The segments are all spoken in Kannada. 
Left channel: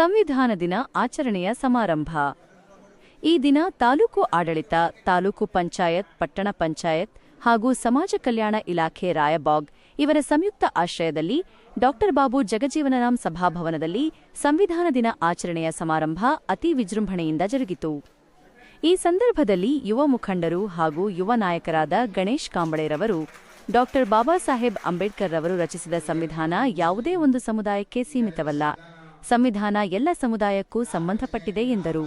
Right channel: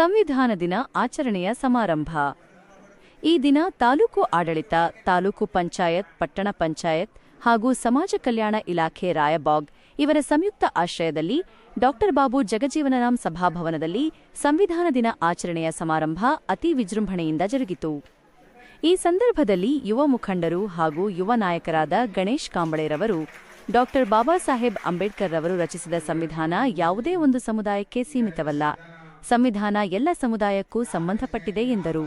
ಸಂವಿಧಾನ ದಿನ ಆಚರಣೆಯ ಸಮಾರಂಭ. ಈ ದಿನ ತಾಲೂಕು ಆಡಳಿತ, ತಾಲೂಕು ಪಂಚಾಯತ್, ಪಟ್ಟಣ ಪಂಚಾಯತ್ ಹಾಗೂ ಸಮಾಜ ಕಲ್ಯಾಣ ಇಲಾಖೆ ರಾಯಬಾಗ್ ಇವರ ಸಂಯುಕ್ತ ಆಶ್ರಯದಲ್ಲಿ ಡಾಕ್ಟರ್ ಬಾಬು ಜಗಜೀವನರಾಮ್ ಸಭಾಭವನದಲ್ಲಿ ಸಂವಿಧಾನ ದಿನ ಆಚರಣೆಯ ಸಮಾರಂಭ ಅತಿ ವಿಜೃಂಭಣೆಯಿಂದ ಜರುಗಿತು. ಈ ಸಂದರ್ಭದಲ್ಲಿ ಯುವ ಮುಖಂಡರು ಹಾಗೂ ಯುವ ನಾಯಕರಾದ ಗಣೇಶ್ ಕಾಂಬಳೆರವರು, ಡಾಕ್ಟರ್ ಬಾಬಾ ಸಾಹೇಬ್ ಅಂಬೇಡ್ಕರ್ ರವರು ರಚಿಸಿದ ಸಂವಿಧಾನ ಯಾವುದೇ ಒಂದು ಸಮುದಾಯಕ್ಕೆ ಸೀಮಿತವಲ್ಲ. ಸಂವಿಧಾನ ಎಲ್ಲ ಸಮುದಾಯಕ್ಕೂ ಸಂಬಂಧಪಟ್ಟಿದೆ ಎಂದರು.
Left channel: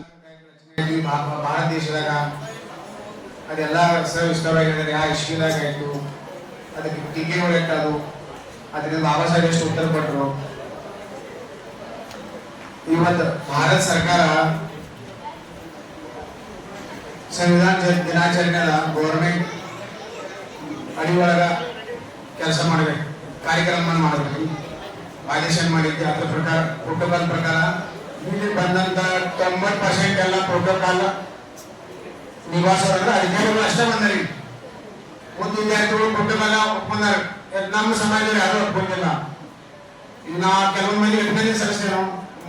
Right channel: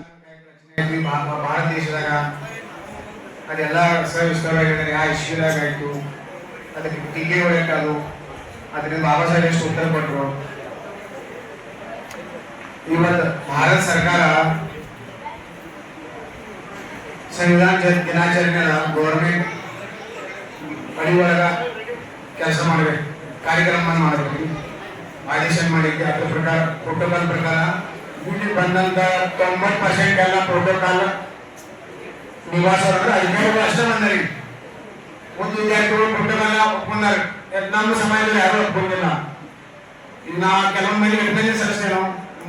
ಭಾರತ ಸರ್ಕಾರ ಸಂವಿಧಾನ ಗೌರ್ಮೆಂಟ್ ಒಳಗ ಕೆಲಸ ಮಾಡ್ಬೇಕು ಕಾರ್ಯಕ್ರಮ ಮಾಡಬೇಕು. ಆದೇಶ ಮಾಡಿದ್ದು ಅದ್ರ ಪ್ರಕಾರ ಪ್ರೋಟೋಕಾಲ್ ಪ್ರಕಾರ, ಇಲ್ಲಿ ಬಂದಂತ ತೊಂಬತ್ತು ಪರ್ಸೆಂಟ್ ಎಲ್ಲ ಪ್ರೋಟೋಕಾಲ್ ನಿವಾಸ ಅಧಿಕಾರಿಗಳು ಅಷ್ಟೇ ಬಂದರಿ. ಒಂದು ವಿದ್ಯಾರ್ಥಿಗಳು ಪ್ರೋಟೋಕಾಲ ಒಪ್ಕೊಂಡಾರ ನಮ್ಮ ಸಮಾಜದಲ್ಲಿ ಯಾರು ಒಪ್ಕೊಂಡಿಲ್ಲ ಇನ್ನ ಕೆಲವೊಂದು ಮಂದಿ ವೆಟನರಿ ಸದಸ್ಯರು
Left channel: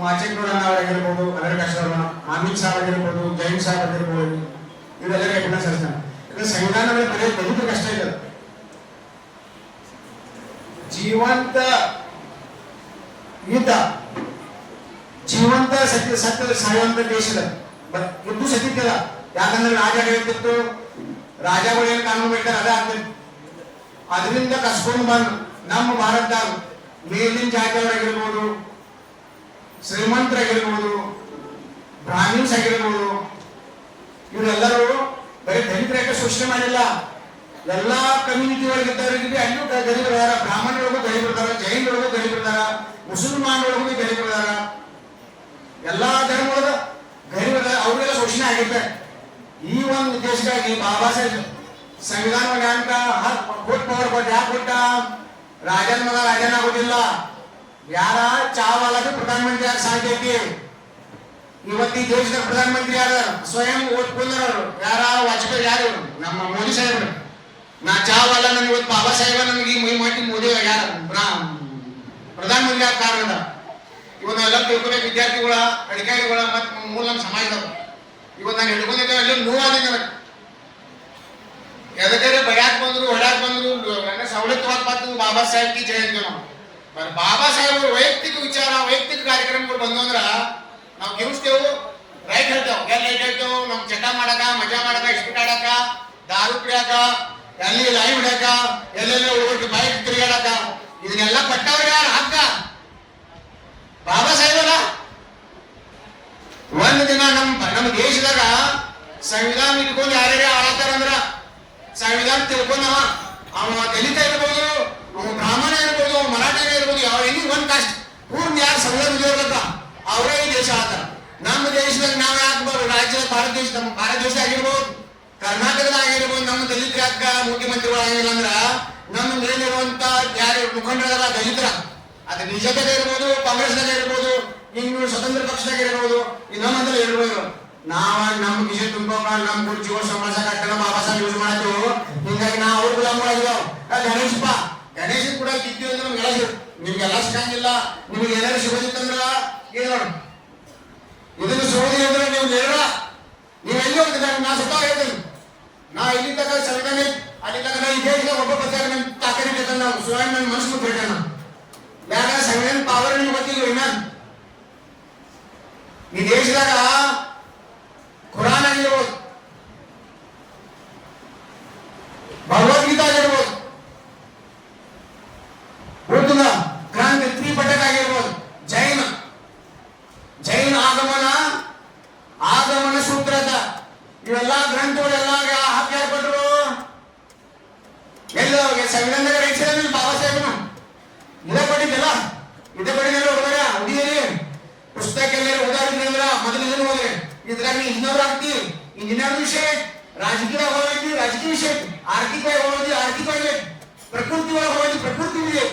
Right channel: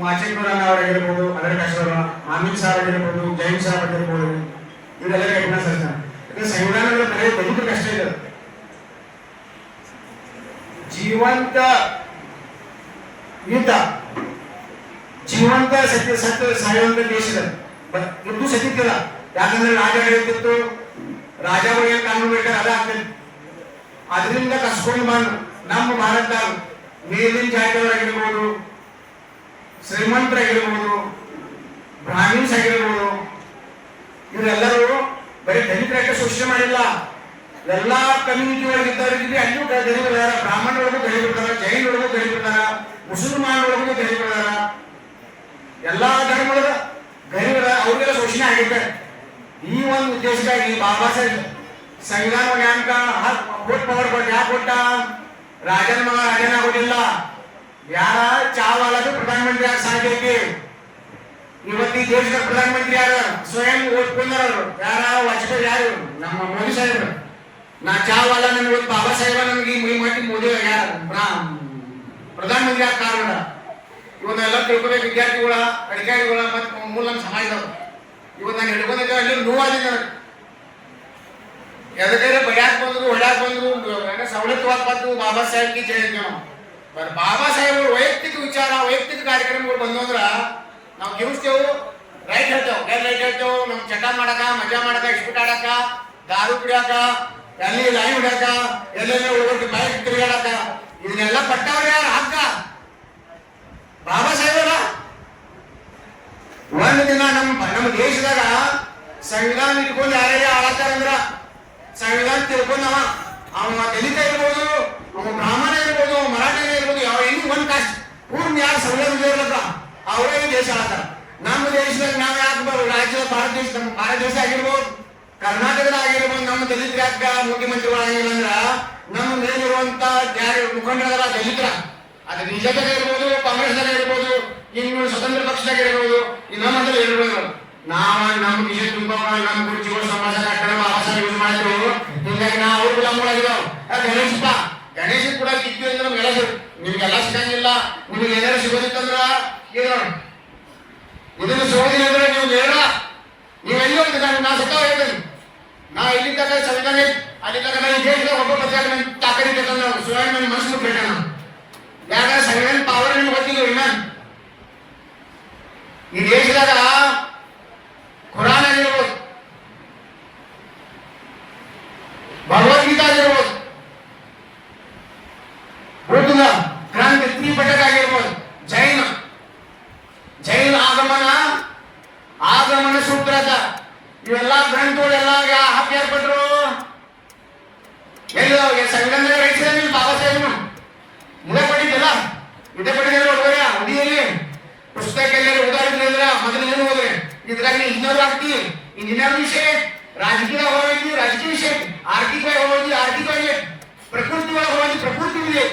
ಮಾಚೆಗೌಡ ಅವರಾಗಿರ್ಬೋದು ಅದರ ಕಷ್ಟವರು ಆಮಿನ್ ಆಗಿರ್ಬೋದು ಜೈನ್ ಸಾಹೇಬ್ ಆಗಿರ್ಬೋದು ಇವರೆಲ್ಲ ಸದಸ್ಯರು ಇದು ಸಂವಿಧಾನದ ಬರೀ ಬದುಕು ಕಷ್ಟ ಇದೆ. ಜೀವಂತ ಯುದ್ಧ. ಜೀವಂತ ಸತ್ಯ ಸತ್ಯ, ಸಾಯುವಂತ ದೇಶದ ಯುದ್ಧ ಸತ್ಯಕ್ಕಿಲ್ಲ ಯಾಕಂದ್ರೆ ರಾಜ ಹೇಳ್ತಿತ್ತು ರಾಜ ಬಗ್ಗೆ ಕಾನೂನು ಬೇಕಾದ್ರೆ ಅದ ಅದರಿಂದ ಕಸ್ಕೊಂಡು ಬಂದು, ನಮ್ಮ ಭಾರತದಾಗ ಮೇಲಿನ ಜಾತಿಯವರಾಗಿರ್ಬೋದು, ಶ್ರೀಮಂತರಾಗಿರ್ಬೋದು ಬ್ರಾಹ್ಮಿನ್ಸ್ ಆಗಿರ್ಬೋದು ಇವರೆಲ್ಲರೂ ಬರೀ ದಲಿತರಾಗಿ ಶೋಷಣೆ ಮಾಡಿಲ್ಲ. ಎಲ್ಲಾ ಕಮ್ಯುನಿಟಿ ಒಳಗೆ ಇದ್ದವರಿಗೆ ಅಲ್ಲಿಯೂ ದಲಿತರಾರ ಬ್ರಾಹ್ಮಣರೊಳಗೂ ಆಗೈತೆ ಈ ಒಂದು ದೇಶಕ್ಕಾಗಿ ಬಾಬಾ ಸಾಹೇಬ್ ಸಂವಿಧಾನ ನ್ಯಾಮಕ ಕೊಟ್ಟು ಪವರ್ ಕೊಟ್ಟು ಯಾಕೆ ಕೊಟ್ಟ? ರಾಜನ ಮಗ ರಾಜನ ಆಗೋದಿಲ್ಲ. ಯಾರ ಚಾವಾಲದು ಪ್ರಧಾನಮಂತ್ರಿ ಯಾರು ಸಾಧ್ಯಕ್ಕೆ ಇವತ್ತು ದೇಶದ ಪ್ರಧಾನಮಂತ್ರಿ ಯಾರ? ಸ್ವಯಂ ಓದ್ಕೊಂಡವರು ಯಾರ ವಾಜಪೇಯಿ ಯಾರು? ನಮ್ಮ ಮೋದಿ ಸಾಹೇಬರು. ನಾ ಚಾವಲ್ಲ ನನಗೆ ಬಾಬಾ ಸಾಹೇಬ, ನನಗೆ ಈ ಮಟ್ಟಿ ಮೋದಿ ಯಾರು? ಪ್ರಧಾನಮಂತ್ರಿ ಯಾರು ಕಾರಣ? ಇವನ್ನೆಲ್ಲ ತಿಳ್ಕೊಬೇಕು ವಿದ್ಯಾರ್ಥಿಗಳ, ಅಧಿಕಾರಿಗಳ ಮತ್ತು ಮೂಲ ನಮ್ಮ ಸಮಾಜದವರು. ಇವತ್ತು ನಾನು ಹಿಡ್ಕೊಂಡಿದ್ದೆ ಅಲ್ಲಿ ನೋವಾಗಿದೆ ನನಗೆ ಎದಕ್ಕೆ ಬಡ್ಯಾಕ್ ಬಂದ್ರು, ಹೊಡ್ಯಾಕ್ ಬಂದ್ರು, ನನ್ನ ಸವಲತ್ತು ಬಂತು ಬಾಬಾ ಸಾಹೇಬ್ ಕಿ ಜಯ ಅಂತೀವಿ ನಾವು. ಬಾಬಾ ಸಾಹೇಬ್ ವೈಯಕ್ತಿಕ ವಿಚಾರ, ವೈಯಕ್ತಿಕ ಕಾರ್ಯಕ್ರಮಗಳು ಬಂದು ಅಂದ್ರ ನಾವು ಗೆಲ್ಸ್ತೇವು ರೈಟ್ ಹೇಳ್ತೇವೆ ಗೆಲ್ ರೈಟ್ ಹೇಳ್ತೇವೆ, ನಮ್ ಚಟ ಮಾಡಕ, ಮಜಾ ಮಾಡಕ ಇಸ್ಪಿಟ್ ಆಡಕ, ದಾರು ಕುಡಿಯಾಕ, ಎಲ್ಲಿ ಲೈವ್ ಹಿಡಕ ಎಲ್ಲೆಲ್ಲ ಹುಡುಗರಿಗೆ ಬೈಕ್ ತಿರುಗಾಡಕ, ಇದನ್ನೆಲ್ಲ ಪಟ್ಟವ್ರು ಯಾರು ಹಕ್ಕ ಬಾಬಾ ಸಾಹೇಬರ ಒಂದು ದಿನ ನಮ್ಮ ನಮ್ಮ ದೇಶದಾಗ ಸಂವಿಧಾನ ಇಟ್ಕೊಂಡು ಯಾರ್ಯಾರು ಆಡತ್ತಾರಂದ್ರ ಸಂವಿಧಾನ ತಿಳ್ಕೊಂಡ ಅವ ದಲಿತ ಇರ್ಬೋದು ಅವ ಬ್ರಾಹ್ಮಣ ಇರ್ಬೋದು ಅವ ಇರ್ಬೋದು, ಯಾವ ಎನಿ ಒಂದ್ ಕಾಸ್ಟ್ ಪೂರ್ಣ ಯಾರು ಸಂವಿಧಾನ ಅವರೇ ಈ ದೇಶ ಆಡ್ತಾರ ನಮ್ಮ ದೇಶದಾಗ ನಾವು ಯಾಕೆ ರಾಜ್ಯದ ಭಾರತ ದೇಶ, ನಮ್ಮ ಭಾರತ ದೇಶ ಆಗಿರ್ಬೋದು, ಕರ್ನಾಟಕದ ಆಗಿರ್ಬೋದು, ನಮ್ಮ ದಲಿತ ಯಾಕ ಮುಖ್ಯಮಂತ್ರಿಗಳು ಆಗಿಲ್ಲ ಅಂದ್ರ ನಮ್ಮ ಮೇಲಿರುವಂತ ಯಾರು ಮುಖಂಡರ ದಲಿತರ, ಅದು ಬಿಜೆಪಿ ಇರ್ಬೋದು, ಕಾಂಗ್ರೆಸ್ದಾಗ ಇರ್ಬೋದು ಇನ್ನು ಸ್ವತಂತ್ರ ಪಕ್ಷದಾಗ ಇರ್ಬೋದು. ಇನ್ನೊಂದ್ರೆ ಇರ್ಬೋದು ನಾವ ನಮ್ಮ ವಿಷಯ ತುಂಬಾ ನಮ್ ಕುರ್ಚಿಗಳು ಸಮಾಜ ಕಟ್ಟಡ ಬಾಬಾ ಯೂಸ್ ಮಾಡಿದ್ರು ಹಿಂಗಾಗಿ ನಾವು ಕೂಡ ಗುಲಾಮಗಳಾಗಿರೋ ಗಣೇಶಪ್ಪ. ಗಣೇಶ ಕೂಡ ಕಿತ್ತಿ ಅಂದ್ರೆ ಎಲ್ಲ ನಿಮ್ಗೆಲ್ಲ ಸಿಗಂಗಿಲ್ಲ ನಿಮ್ಗೆ ಏನಾರು ಸಿಗೋದಿತ್ತಂದ್ರ ಏನ? ಇದನ್ನ ಸಿಗೋದಿಲ್ಲ ಅಂದ್ರೆ ನೀವು ಹೇಳಲ್ಲ ನೀವು ಎಲ್ಲಿ ಹೋಗ್ತಿದ್ದ ನಾ ಸ್ವತಃ ಹೇಳ್ತೇನೆ. ನಾ ಇಲ್ಲಿ ತನಕ ಸಂವಿಧಾನ ಅಲ್ಲಿ ತನಕ ಈ ದೇಶದಾಗ ಒಬ್ಬ ಪಕ್ಷ ತಾಕರಿ ಸುವರ್ಣ ಮನಸ್ಸು ನಾನು ಯಾಕಂದ್ರೆ ಸಂವಿಧಾನ ಪವರ್ ನಿಮ್ಗೆ ಗೊತ್ತಿಲ್ಲ ಇನ್ನೇನು ಈ ದೇಶದಾಗ ಖುರಾನ್ ಆಗಿರ್ಬೋದು ಭಗವದ್ಗೀತಾ ಆಗಿರ್ಬೋದು ಬುದ್ಧನ ಗ್ರಂಥ ತ್ರಿಪಟಕ ಆಗಿರ್ಬೋದು ಜೈನ ಜೈನ ಆಗಮನ ಆಗಮನ ಸೂತ್ರದ ಇವೆಲ್ಲ ಗ್ರಂಥಗಳೆಲ್ಲ ಹಾಕಿ ಯಾರ್ಪಟ್ರು ಎಲ್ಲ ಸಂವಿಧಾನದಾಗ ರಚಿಸಿದ ಬಾಬಾ ಸಾಹೇಬನು ಇದೇ ಪಡಿತಿಲ್ಲ ಇದೇ ಪಡಿದ್ರೆ ಹುಡುಗರ ಹುಡುಗಿಯಲ್ಲಿ ಪುಸ್ತಕ ಎಲ್ಲರೂ ಓದಾಡಿದ್ರಿ ಅಂದ್ರ ಮೊದಲು ಇದನ್ನು ಇದ್ರಾಗ ನೀ ಇಂಜಿನಿಯರ್ ವಿಷಯ, ರಾಜಕೀಯ ಹೋಗಿ ರಾಜಕೀಯ ವಿಷಯ ಆರ್ಥಿಕವಾಗಿ ಹೋಗಿ ಆರ್ಥಿಕವಾಗಿ ಪ್ರಕೃತಿ ಒಳಗೆ ಹೋಗಿ ಪ್ರಕೃತಿ ಇದೆ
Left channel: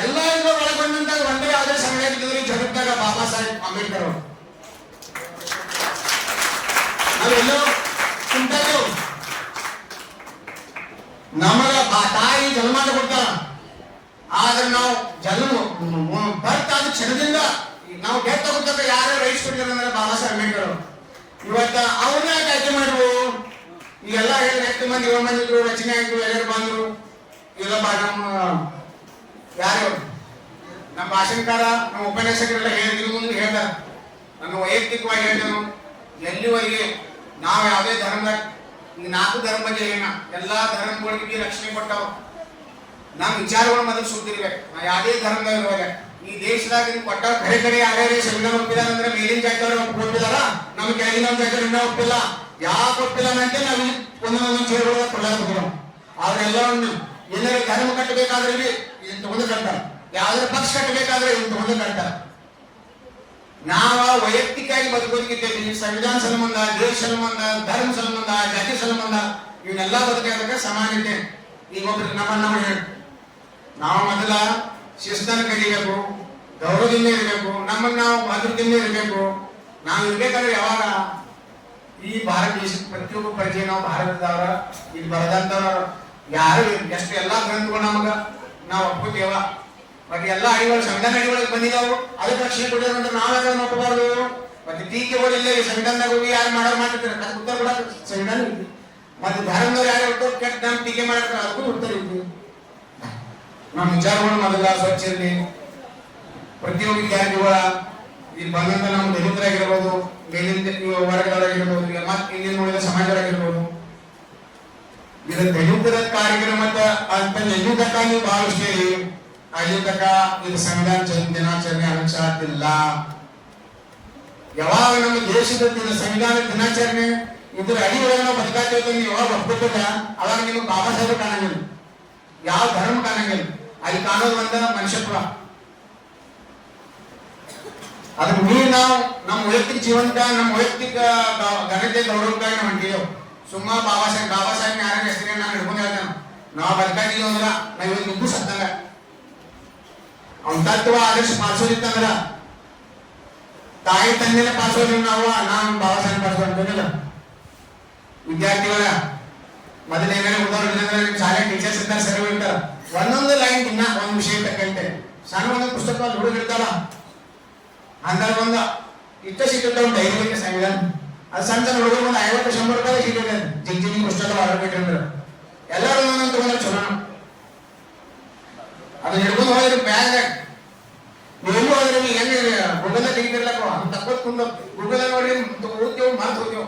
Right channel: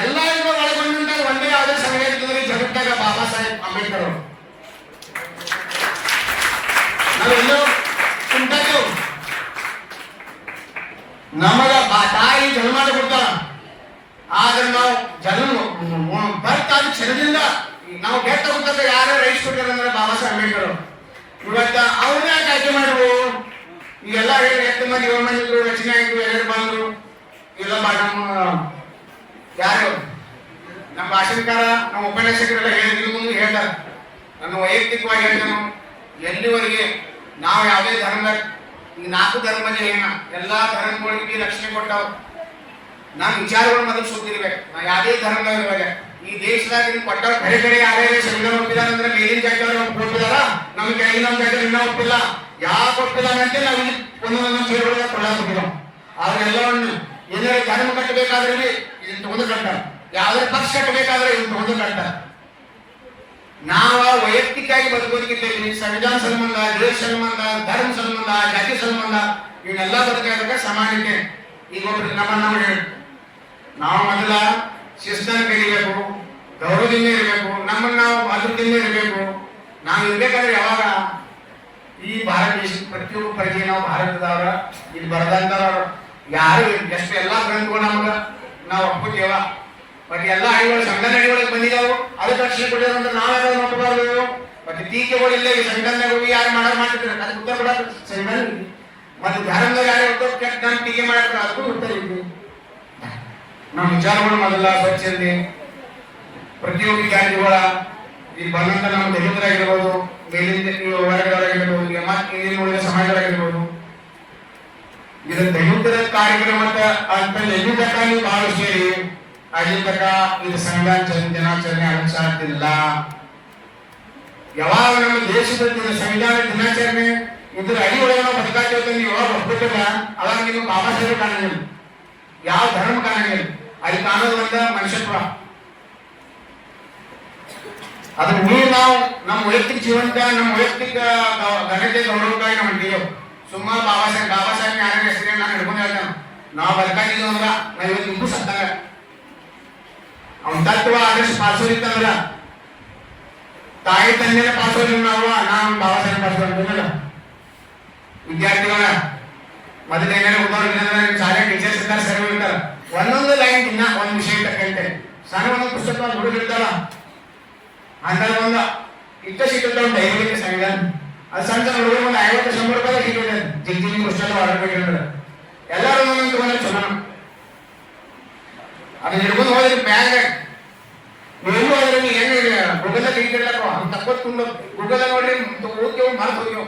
ಎಲ್ಲ ಇದ್ರ ಒಳಗೊಂಡಂತ ಒಂದೇ ಆದ ಸಂಘಟನೆ ಜಗತ್ತಾಗ ಬಾಬಾ ಸಾಹೇಬ್ ಅಂಬೇಡ್ಕರ್ ಅವರು. ನಾವೆಲ್ಲೋ ಕುಂತಾಯ್ತು ನಮಗ ತಾಯಿ ಜನ್ಮ ಕೊಡ್ತಾರ ಆದ್ರೆ ನಾವು ಜನ್ಮ ಬರ್ತಾದ ಕ್ಷಣದಿಂದ ನಾವು ಮುಖಾಂತರ ಯಾರು ರೈಸ್ ಕೊಟ್ಟಿದ್ದಾರೆ ಬಾಬಾ ಸಾಹೇಬ್ ಅಂಬೇಡ್ಕರ್ ಇವತ್ತ ಅವ್ರನ್ನ ಆಯ್ಕೆ ಮಾಡಿದ್ರು ಈಗೆಲ್ಲ ಹೇಳಿ ಮಂದಿ ಏಳು ಮಂದಿ ರಚನೆ ಆಯ್ತು ಎಲ್ಲರೂ ಬಂದ್ರು ಇಲ್ಲ ನಮ್ಮ ಯಾರು? ನಮ್ಮ ಭಾಷಣಕಾರ, ನಮ್ಮ ಉಪನ್ಯಾಸಕರೆಲ್ಲ ಹೇಳಿದ್ರು ಹೇಳ್ತಾರೆ ನಾನು ವೈಯಕ್ತಿಕವಾಗಿ ಹೇಳ್ತೇನೆ. ಎಲ್ಲಿವರೆಗೆ? ನಾವು ಯಾವುದೇ ಧರ್ಮ ನಾಲ್ಕು ಧರ್ಮಕ್ಕೆ ಏನ? ಎಲ್ಲಾ ಧರ್ಮಗಳಿಗೆ ರಕ್ಷಣೆ ಕೊಟ್ಟಾವ. ನಮ್ಮ ವಿಚಾರಗಳು ಮೊದಲು ಸುತ್ತಿರ್ಬೇಕು ನಾ ಯಾವುದೇ ಧರ್ಮದವ್ರ ಈ ದೇಶದಾಗ ಕೊಟ್ಟ ಕಡೆ ಕಡೆ ಯಾರ್ಯಾರು ಸಂವಿಧಾನ ಅಂದ್ರೆ ಮೇಲಿನ ಜಾಗದವ್ರು ನಮ್ಮ ಕೆಳಗಿನ ಜಾಗದಲ್ಲಿ ಇನ್ನೂ ಒಪ್ಪಿಲ್ಲ. ಯಾವ ಕೊಟ್ಟಿಲ್ಲ ಅಂತ ನಾವು ಒಂದೊಂದೊಂದು ಕೊಳ್ಳಾಕಿದ್ದೀವಿ ಆದ್ರೆ ಎಲ್ಲವನ್ನ ಏನಾರ ಧರ್ಮ ಕಟ್ಟಬೇಕಾದ್ರೆ ಇದನ್ನ ತಗೊಂಡು ಕಟ್ಟಾರ ಯಾವುದೇ ಪಕ್ಷ ಕಟ್ಟಬೇಕಾದ್ರೆ ಇದನ್ನ ತಗೊಂಡು ಕಟ್ಟಾರ ನಾವ ವೈಯಕ್ತಿಕವಾಗಿ ಬದುಕೋದಕ್ಕೆ ಸಂವಿಧಾನ ಸಂಬಂಧ, ದೇಶ ಸಂಬಂಧ, ಧರ್ಮ ಸಂಬಂಧ, ಜಾತಿ ಸಂಬಂಧ, ಇವನ್ನೆಲ್ಲ ಬದುಕಾಗ ಸಮಾನತೆ. ಈಗ ಒಬ್ರು ನಮ್ಮ ನಮ್ಮ ಹೇಳಿ. ನಾವು ಮೊದಲ ಶಿಸ್ತನ್ನು ಕಲಿಬೇಕು, ಗೌರವದಿಂದ ಇರಬೇಕು, ನಮ್ಮನ್ನ ನಾವು ಮಧುರದಿಂದ ಇರಬೇಕು. ನಾವು ಇರ್ಬೇಕಾದ್ರೆ ಯಾವಾಗ ಈ ಭಾರತ ದೇಶದ ಪ್ರತಿಯೊಬ್ಬ ಪ್ರಜೆ ನಾವು ಭಾರತದವರ, ಇಲ್ಲಿ ಬರದಂತವ್ರ ಯಾರು ಎಷ್ಟು ಎಲ್ಲಾ ಗ್ರಂಥಗಳು ನಮಗ. ನಾವು ಒಪ್ಕೋತೀವ ಮತ್ತೆ ಎಲ್ಲಾ ಹಳ್ಳಿಗಳು ಸಂಘಟನೆ ಹಳ್ಳಿಗಳಿಗೆ ಬಂದಿದ್ದಾವು ಅದಕ್ಕೆ ರಕ್ಷಣೆ ಕೊಡಿದ್ರು ಅಂತ ನಾವು ಒಪ್ಪಬಾರ್ದು? ಮತ್ತೆ ಟೀಕೆಗಳು ಇಲ್ಲ ಈ ಸಂಘಟನೆಗೆ ಹೋಗಿ ಯಾರು ಮಾಡೋರು ಮಾಡಿರ್ತಾರೆ ಅದಕ್ಕೆ ಉತ್ತರ ಕೂಡ ಸಂಘಟನೆ ಇದೆ ಮತ್ತೆ ಧರ್ಮದವ್ರು ಯಾರು ಹೇಳ್ತಾರೆ ಕೆಟ್ಟ ನಾನು ಟೀಕೆ ಮಾಡ್ತಾರೆ ಅದಕ್ಕೂ ಉತ್ತರ ಇದೆ ನಮ್ಮ ವಿಚಾರಗಳು ಮೊದಲ ಸ್ವಚ್ಛ ಪ್ರತಿಯೊಂದು ಪ್ರತಿಯೊಬ್ಬ ವಿದ್ಯಾರ್ಥಿಗಳ ಇಲ್ಲಿ ಬಂದಂತ ನಮ್ಮ ದಲಿತರಾಗಿರ್ಬೋದು ಮೇಲಿಂದ ವರ್ಗದವರಾಗಿರ್ಬೋದು ಮತ್ತೆ ಇಲ್ಲಿ ನೋಡಿದ ಸಮಾಜರಾಗಿರ್ಬೋದು ಇದು ದಲಿತರ ಕಾರ್ಯಕ್ರಮ ಅಂತ ತನಕ ನೀವು ಭಾಳ ಸೇರಿ ಅಲ್ಲಿ ತನಕ ಇದು ಸಂವಿಧಾನ ದಿನಾಚರಣೆ ಅನುಸಾರದಿಲ್ಲ ಯಾವಾಗ ನಮ್ಮ ದೇಶದ ಸಂವಿಧಾನ ದಿನಾಚರಣೆ, ಇದ್ರ ನಾವು ಬದುಕಾಗ್ತೇವೆ ನೀವು ಯಾವಾಗ ಒಪ್ಪಿಟ್ಟಿಲ್ಲ ಅವಾಗ ನೀವು ಬಾಬಾ ಸಾಹೇಬ್ ಕಾಣಂಗಿಲ್ಲ. ಯಾವ ಧರ್ಮ ಕಾಣಂಗಿಲ್ಲ. ಅಲ್ಲಿ ಕಾಣೋದು ಬಂದ ಮನುಷ್ಯತ್ವ. ಅದ್ರ ಮೀರಿ ನಾವು ನಮ್ಮ ವೈಯಕ್ತಿಕ ಜೀವನದ, ನಮ್ಮ ವೈಯಕ್ತಿಕ ಘನತೆ ಗೌರವಕ್ಕಾಗಿ ನಾವು ಹೊಂಟೀವಿ ಸುಮ್ಮ ಬಾಬಾ ಸಾಹೇಬ್ ಬಾಬಾ ಸಾಹೇಬ್ ಯಾರ ಹೆಸರೇ ನಾನು ಹಿಡ್ಕೊಂಡು ಹೇಳ್ತೇನೆ. ನಾವು ಬರ್ಕಾಗಿದ್ದೀವಿ ಅಂದ್ರ ನಾವು ಇವತ್ತು ಇದ್ದು ಸತ್ತಾಗ. ಅವ್ನ ತತ್ವ ಆದರ್ಶ ಪಾಲಿಸೋದಿತ್ತಂದ್ರ ತಾಯಿ ತಂದೆನ ಪಾಲಿಸೋದಿಲ್ಲ ನಾವು, ನಾನು ಬಾಬಾ ಸಾಹೇಬ್ ಪಾಲಿಸೋದಿಲ್ಲ ವಿದ್ಯಾರ್ಥಿಗಳ ಮೊದಲ ಏನೇನು ಉದಾಹರಣೆ ನಿಮ್ಮ ಶಾಲೆ ಟೀಚರ್ಸ್ ಇದ್ದಾರೆ ಸರಿ ಒಂದೊಂದು ಲೈನ್ ಇನ್ನ ಒಂದು ವಿಷಯ ತಕ್ಕಂತೆ ಸಣ್ಣ ಒಂದು ಪುಸ್ತಕ ಹುಡುಗ ಹಂಗಾರೆ ಒಂದು ಸಿಕ್ಕಂತ ಒಂದು ಧೈರ್ಯ ಸಂವಿಧಾನ ಅದು ಸಣ್ಣ ಹುಡುಗರು ಒಂದು ಐವತ್ತು ಶಂಬರ್ ರೂಪಾಯಿ ಸಿಗುತ್ತೆ ಜಿಗ್ ಜಿಗ್ ಪುಸ್ತಕ ಮಾಡಬೇಕಂದ್ರೆ ಎಲ್ಲರೂ ತಗೊಂಡ್ರೆ ಚಲೋ. ಅದು ಹಿಡ್ಕೊಂಡು ಹೋದ್ರೆ ಹೋದ್ರೆ ನೀವು ಹೆಂಗೆ ಗೂಗಲ್ ಕೈಗಿಡ್ಲಕ್ಕ ಹಂಗೆ ತಕ್ಕೊತ್ಕೊಂಡು ಗೂಗಲ್ ನೋಡ್ರಿ ಓದ್ತೇವೆ ಮರ್ತು ಹೋಗ್ಯೋ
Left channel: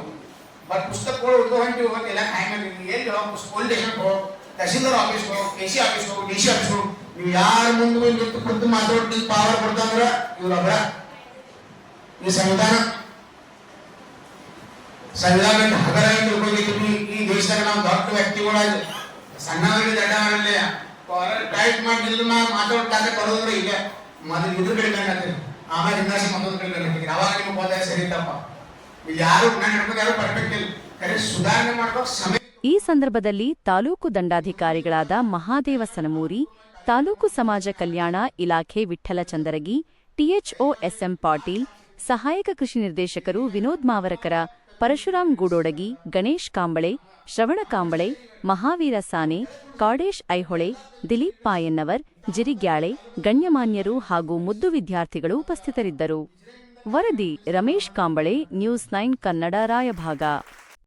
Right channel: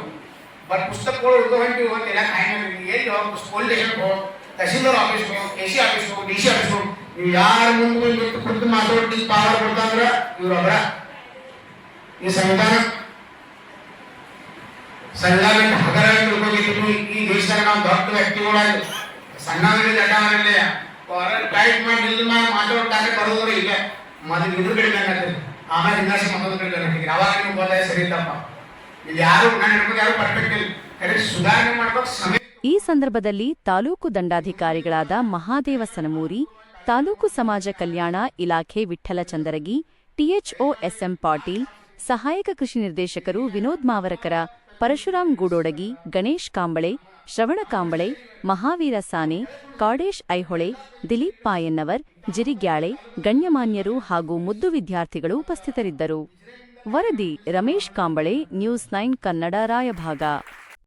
ಬಟ್ ಪುಸ್ತಕಗಳು ಉಳ್ದು ಹೊಂಟಿವಿ ಹೋಗಿ ಎಲ್ಲ ಕಾಯಿನ ಎಲ್ಲಿ ಸ್ಕೂಲ್ ಸ್ಟೇಷನ್ ಹೋಗಿ? ತಹಸೀಲ್ದಾರ್ ಆಫೀಸ್ ಹೋಗೋ ಕೆ ಸಿ ಆಫೀಸ್ ಹೋಗೋ, ಡಿ ಸಿ ಆಫೀಸ್ ನೀವು ಯಾರ ಮುಂದೆ ಕುಂತು ಮಾತಾಡಿ ಪವರ್ ಕೊಡ್ತಂದ್ರೆ ಇವ್ರೊಬ್ಬರ ಈ ಸಂವಿಧಾನ ಸಂವಿಧಾನ ಹಗರಾಗಿ ಈ ದೇಶದಾಗ ನಾವು ದೊಡ್ಡ ವ್ಯಕ್ತಿಗಳಾಗಿ, ಸಣ್ಣವರಲ್ಲಿ ಟೈಟ್ ಮಾಡಿ ಮಾತಾಡ್ತಾರೆ ಈಗ ಮೊದಲು ಇದ್ರ ಕಡೆ ಆಮೇಲೆ ಇನ್ನಷ್ಟು ಮತ್ತೊಂದು ಕಡೆ ಅವಾಗ ಯಾರು ನಾನು ಯಾರು ಪರ್ಫೆಕ್ಟ್ ಈ ಸಂದರ್ಭದಲ್ಲಿ ತಾಲೂಕು ದಂಡಾಧಿಕಾರಿಗಳಾದ ಮಹಾದೇವ ಸನಮೂರಿ ತಾಲೂಕು ಸಮಾಜ ಕಲ್ಯಾಣ ಇಲಾಖೆ ವಿಠ್ಠಲ ಚಂದರಗಿ ಟಿಎಚ್ಒ ಎಸ್ಎಂ ಪಾಟೀಲ್ ಸಹಾಯಕ ಕೃಷಿ ನಿರ್ದೇಶಕರು ವಿನೋದ್ ಮಾವರಕರ ಪರಶುರಾಮ್ ಗೂಡೋಡಗಿ, ಗಣೇಶ್ ಕಾಂಬಳೆ, ಶ್ರವಣ ಕಾಂಬಳೆ, ಮಹಾವೀರ ಸಾನೆ, ಕಾಡೇಶ್ ಐಹೊಳೆ, ದಿಲೀಪ್ ಪಾಯನ್ನವರ್ ಜಿರಿಗ್ಯಾಳೆ ಗಣ್ಯಮಾನ್ಯರು ಹಾಗೂ ಮುದ್ದು ವಿದ್ಯಾರ್ಥಿಗಳು ಉಪಸ್ಥಿತರಿದ್ದರು. ವರದಿ ರಮೇಶ್ ಕಾಂಬಳೆ, ನ್ಯೂಸ್ ನೈನ್ ಕನ್ನಡ, ರಾಯಭಾಗ.